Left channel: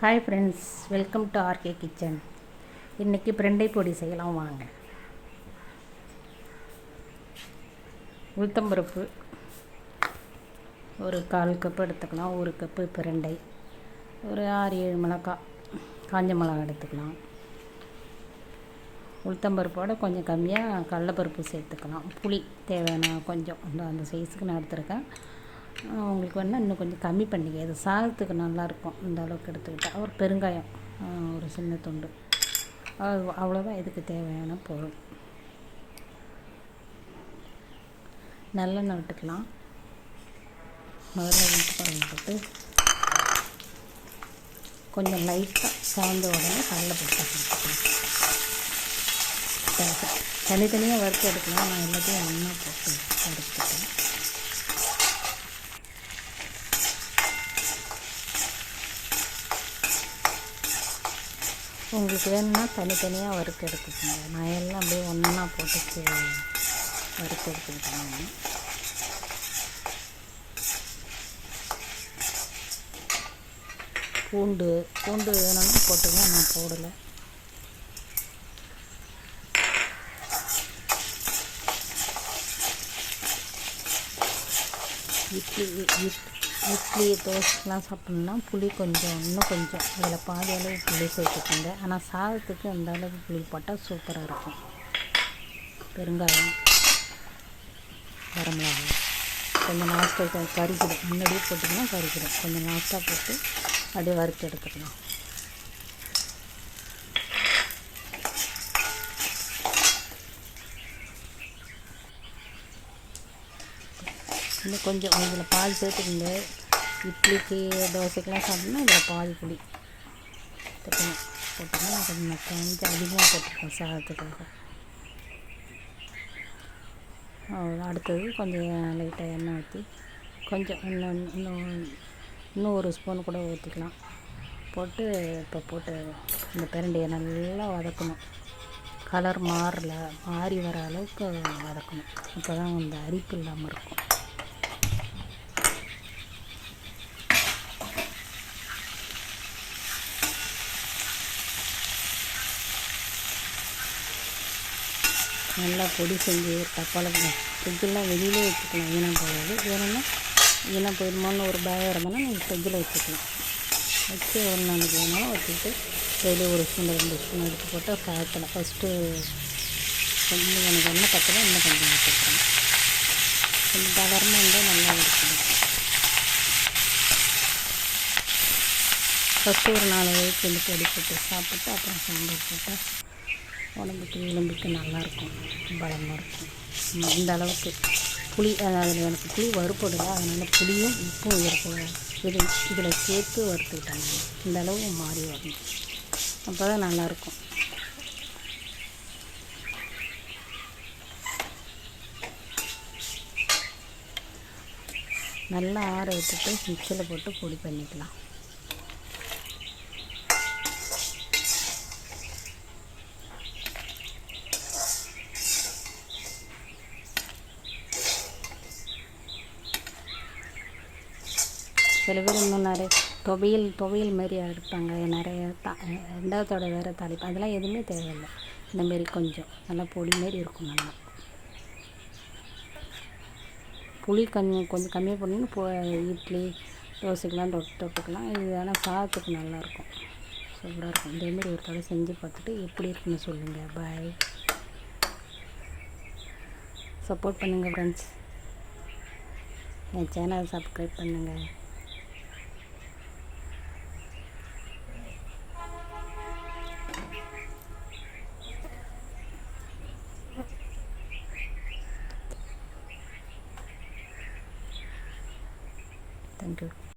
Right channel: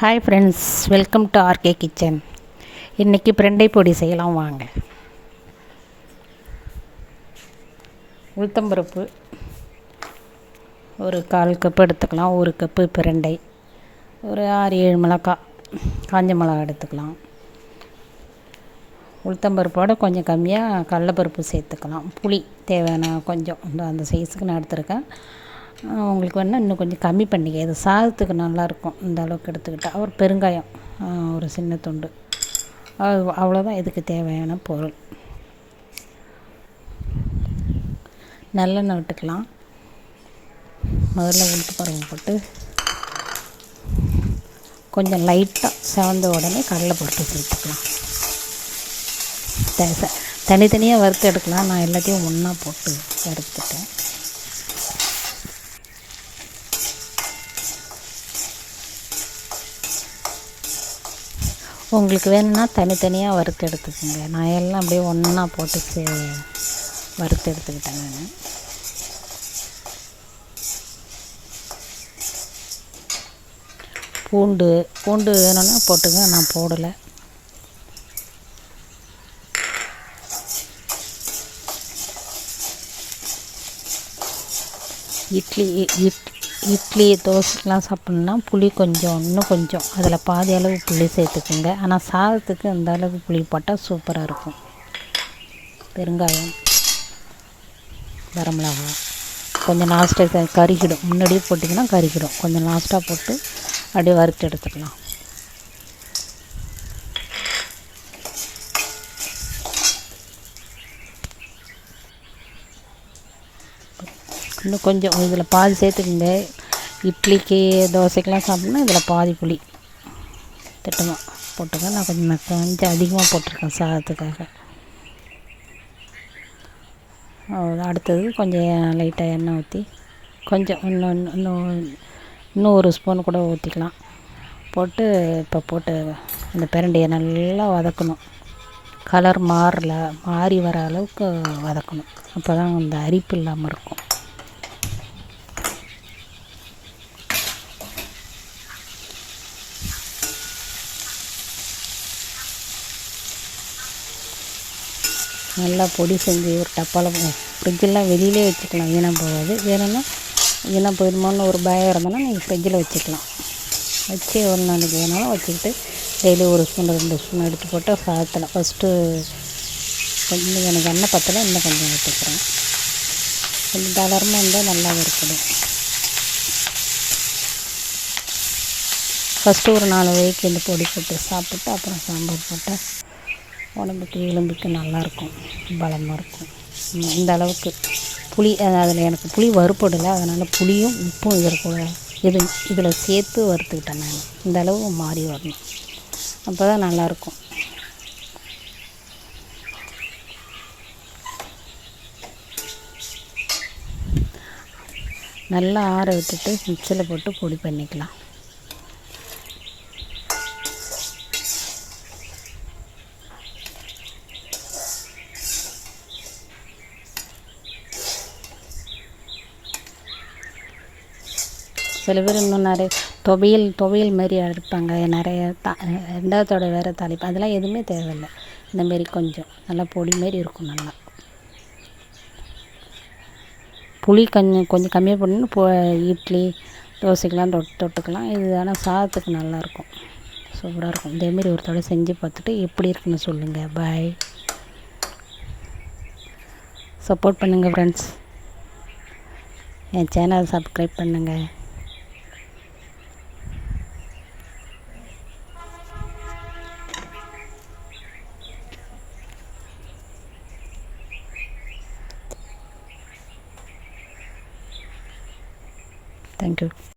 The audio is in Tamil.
Hi friends, welcome to RK kitchen. இன்றைக்கி பிரண்டை பொடி செய்யலாம் வாங்க. உளுத்தம்பருப்பு ஒரு 1/4 கப்பு எடுத்துக்கலாம். 1 கப்பு பிரண்டை, ஒரு 6-7 மிளகாய், காஞ்ச மிளகாய் எடுத்துக்கலாம். உளுத்தம்பருப்போட கொஞ்சம் கம்மியாக கடலைப்பருப்பு சேர்த்துக்கலாம். புளி தேவையான கொஞ்சம் அந்த சைஸுக்கு நான் எடுத்துருக்கேன். உங்களுக்கு வேணால் இன்னும் கொஞ்சம் கம்மி பண்ணிக்க, இது சாதத்துக்கு நல்லாயிருக்கும். இந்த அளவுக்கு எடுத்துக்கிட்டால் ஒரு பெருங்காயம் ஒரு சின்ன துண்டு, அவ்வளோதான் இதுக்கு தேவையான பொருள். நல்லெண்ணெய் விட்டுக்கலாம். முதல்ல உளுத்தம்பருப்பு போட்டு கொஞ்சம் லைட்டாக செவந்த உடனே கடலைப்பருப்பு சேர்த்துக்கலாம். தனித்தனியாக வறுத்து எடுக்கலாம். நான் எல்லாத்தையும் ஒன்றா போட்டு வறுத்துட்டேன். உங்களுக்கு வேணும்னா தனித்தனியாக வறுத்து எடுத்துக்கோங்க. நான் எல்லாம் அப்படியே ஒன்றா போட்டு வறுத்து எடுத்துக்கிட்டேன். பூண்டு வேணும்னா போட்டுங்க, நான் போடலை. இட்லி தோசைக்கெலாம் சாப்பிட்ணுன்னா புளி இன்னும் கொஞ்சம் அதில் பாதி அளவு புளி சேர்த்துக்குங்க. ஆனால் சாதத்துக்கு அந்த அளவு புளி போட்டால் சூப்பராக இருக்கும். பெருங்காயம், வரமிளகாய் கொஞ்சம் லாஸ்ட்டாக கறிக்கிடும். முன்னாடியே போட்டிங்கன்னா கறிக்கிடும். கொஞ்சம் லாஸ்ட்டாக போட்டு அப்படியே வறுத்து எடுத்துக்கலாம். இன்னும் கொஞ்சம் இதில் பாதி சேர்த்துக்குங்க. இட்லிக்கு தோசைக்கெலாம் சாப்பிட்னா இதில் பாதி புளி திட்டமாக போட்டுங்க. நான் கொஞ்சம் அதிகமாக போட்டிருக்கேன் சாதத்துக்காக. அடுத்தது கொஞ்சம் லைட்டாக எண்ணெய் ஊற்றி கொஞ்சம் இன்னும் ஒரு ஸ்பூன் கூட ஊற்றிக்கலாம். போட்டு அந்த பிரண்டையை நல்லா வதக்கணும். கலர் மாறி வர அளவுக்கு வதக்கணும். அப்போ தான் அந்த அரிப்பு இல்லாமல் இருக்கும். நல்லா பொடி செஞ்சு ஒரு டப்பாவில் ஃப்ரிட்ஜெல்லாம் வெளியிலே வச்சுக்கலாம். ஈனம் போகாது. வேணும்னா ஈனம் போயிடுமோன்னு ஒரு பயம் இருந்தோன்னா நீங்கள் ஃப்ரிட்ஜில் வச்சுக்கலாம். வச்சு ஒரு நாளைக்கு வேணாலும் வச்சுக்கிட்டு டெய்லி 1 ஸ்பூன் 2 ஸ்பூன் எடுத்து போட்டு சாதத்தில் ஃபஸ்ட்டு கொஞ்சம் எனக்கு எண்ணெய் பத்தலை, இன்னும் கொஞ்சம் வச்சுக்கிறேன். கொஞ்சம் தளரமாக இருந்தால் நல்லா இருக்குது. ஃபஸ்ட்டு ஒரு 4 வயதுக்கு இந்த பொடி போட்டு சாப்பிட்டு அப்புறம் சாம்பார் போட்டால் உடம்புக்கு எலும்புக்கு நல்லாயிருக்கும், பலமாக இருக்கும். இந்த அளவுக்கு புளி அதில் எனக்கு புளி வறுப்படலை, அதனால் புளியும் உப்பும் இதில் சேர்த்து வறுத்துக்கிட்டேன் நான். இந்த அளவு மாறி வரணும், அப்போ தான் நல்லாயிருக்கும். நல்லா ஆற விட்டுட்டு மிக்சியில் போட்டு பொடி பண்ணிக்கலாம். சில பேர் இன்னும் நிறைய துவையல் மாதிரி அரைப்பாங்க. நிறைய 2வது வேறு தாளிப்பு, அதெல்லாம் எதுவுமே தேவையில்லை. இந்தமாரி கொஞ்சம் நல்லா பொடி மாரி இருக்கும். நல்லா புளி கொஞ்சம் கம்மியாக போடணும்னு இட்லி தோசைக்கெலாம் தொட்டுக்கலாம். இது ஆனால் சாதத்துக்கு நல்லாயிருக்கும், சூப்பராக இருக்கும். இதேமாரி ஒரு தடவை செஞ்சு பார்த்துட்டு எப்படி இருக்குன்னு சொல்லுங்கள். பாய். சப்போர்ட் பண்ணுங்கள் ஃப்ரெண்ட்ஸ். என் சேனல் சப்ஸ்கிரைப் பண்ணுங்கள். Thank you.